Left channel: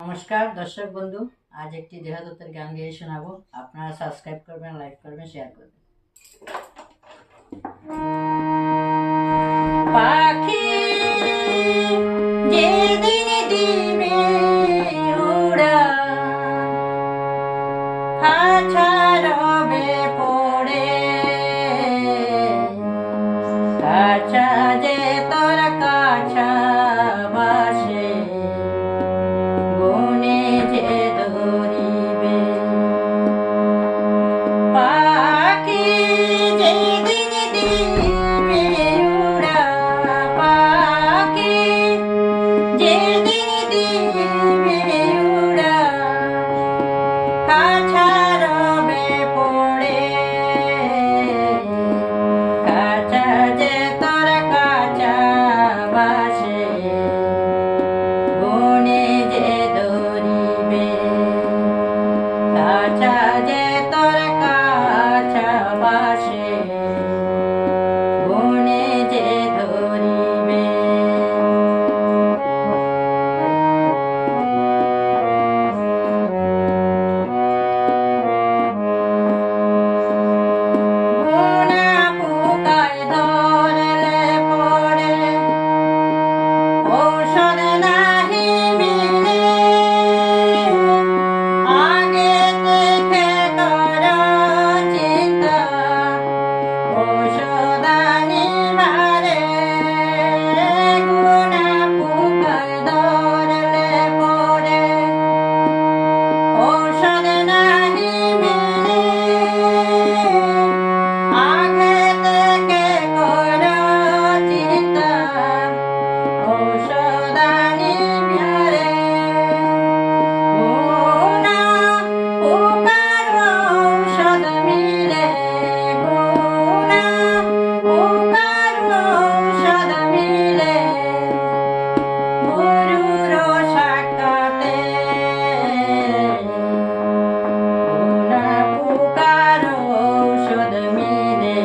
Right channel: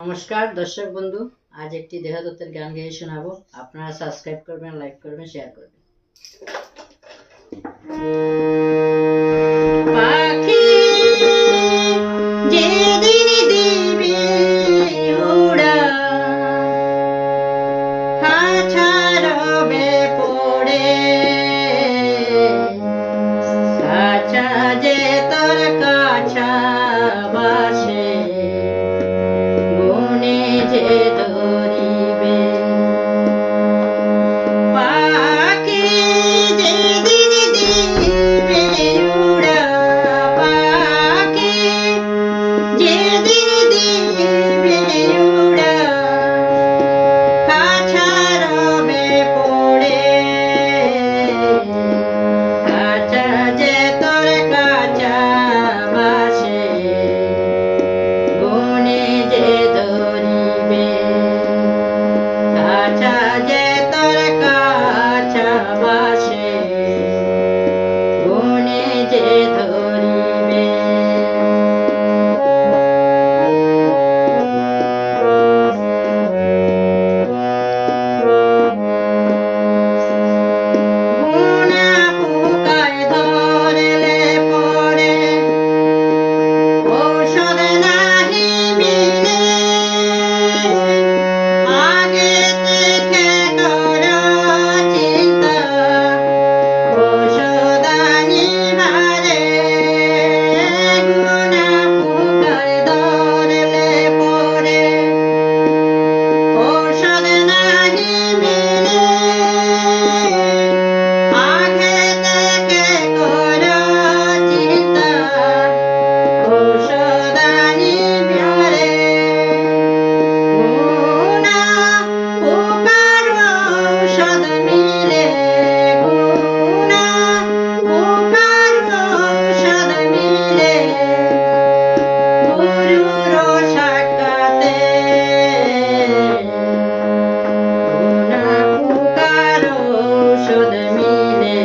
নমস্কার দর্শক বন্ধু, আজ একটি দেহতত্ত্বের গান গেয়ে শোনাবো। আপনারা সাবস্ক্রাইব করবেন, লাইক করবেন, শেয়ার করবেন। পাখি যেদিন দিবে উড়ান, খাঁচা রবে পড়ে, খাঁচা যে তোর কাছা বাসে, বনে যে ধরিবে। পাখি যেদিন দিবে উড়া, পাখি যেদিন দিবে উড়া, খাঁচা রবে পড়ে, খাঁচা যে তোর কাছা বাসে, বনে যে ধরিবে। খাঁচা যে তোর কাছা বাসে, বনে যে ধরিবে। গুনা পোকায় ধরলে পরে ঔষধ নাহি মিলে, আগে থেকে কর চিন্তা ঔষধ আনিবারে। গুনা পোকায় ধরলে পরে ঔষধ নাহি মিলে, আগে থেকে কর চিন্তা ঔষধ আনিবারে। গুনা পোকার ঔষধ মিলে, গুনা পোকার ঔষধ মিলে, গুরুর সাক্ষাতে। গুনা পোকার ঔষধ মিলে,